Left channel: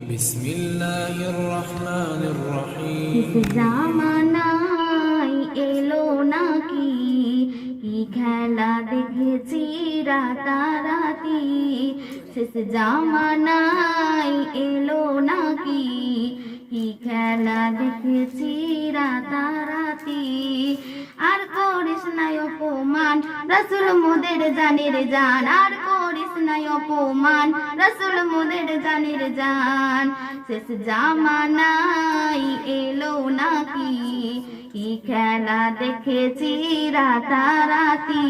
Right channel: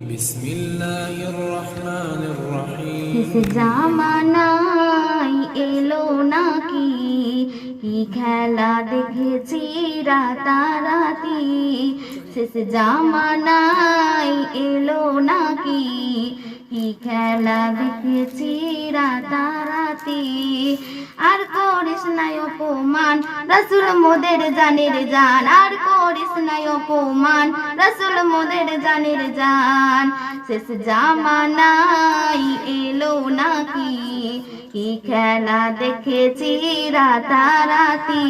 বিসমিল্লাহির রহমানির রহিম। জামানায় এলো নাকি কি খেলা দেখেছি রাতারাতি। শেষ জামানায় এলো নাকি কি খেলা দেখেছি রাতারাতি। আর করিস নাই অপমান রাসূল মোদের জানের জান, আর করিস নাই অপমান রাসূল মোদের জানের জান। শেষ জামানায় এলো নাকি কি খেলা দেখেছি রাতারাতি।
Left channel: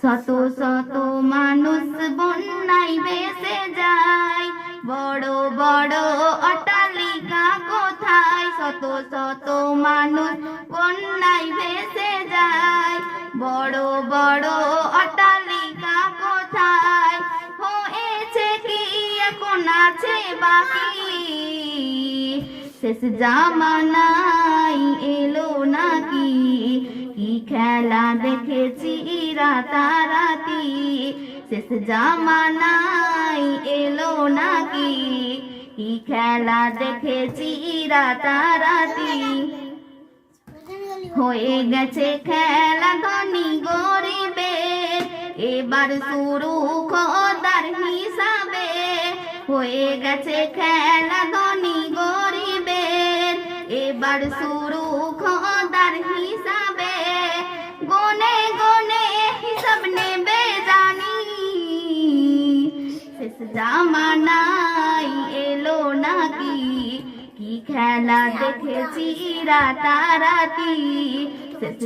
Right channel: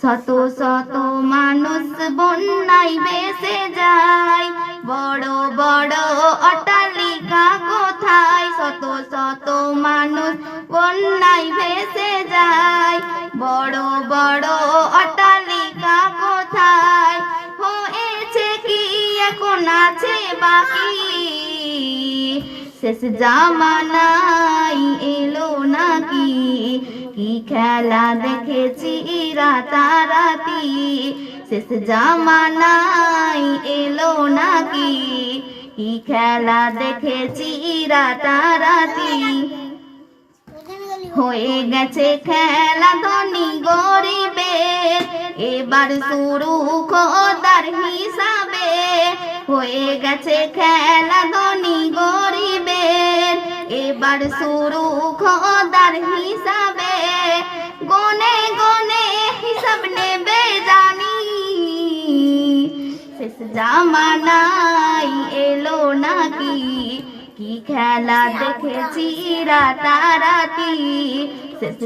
শত শত মানুষ বন্যায় ভেসে যায়, বড় বড় অট্টালিকা কোথায়। শত শত মানুষ বন্যায় ভেসে যায়, বড় বড় অট্টালিকা কোথায়। হয়েছে কি এখন আছে বাকি। শেষ জামানায় এলো নাকি কি খেলা দেখেছি রাতারাতি। শেষ জামানায় এলো নাকি কি খেলা দেখেছি রাতারাতি। হয়ে গেছে খেলা ধনী গরিবের, এবার শুরু খোদার হিসাবে। হয়ে গেছে খেলা ধনী গরিবের, এবার শুরু খোদার হিসাবে। গনে গনে হিসাব নেবে জানি। শেষ জামানায় এলো নাকি কি খেলা দেখেছি রাতারাতি। শেষ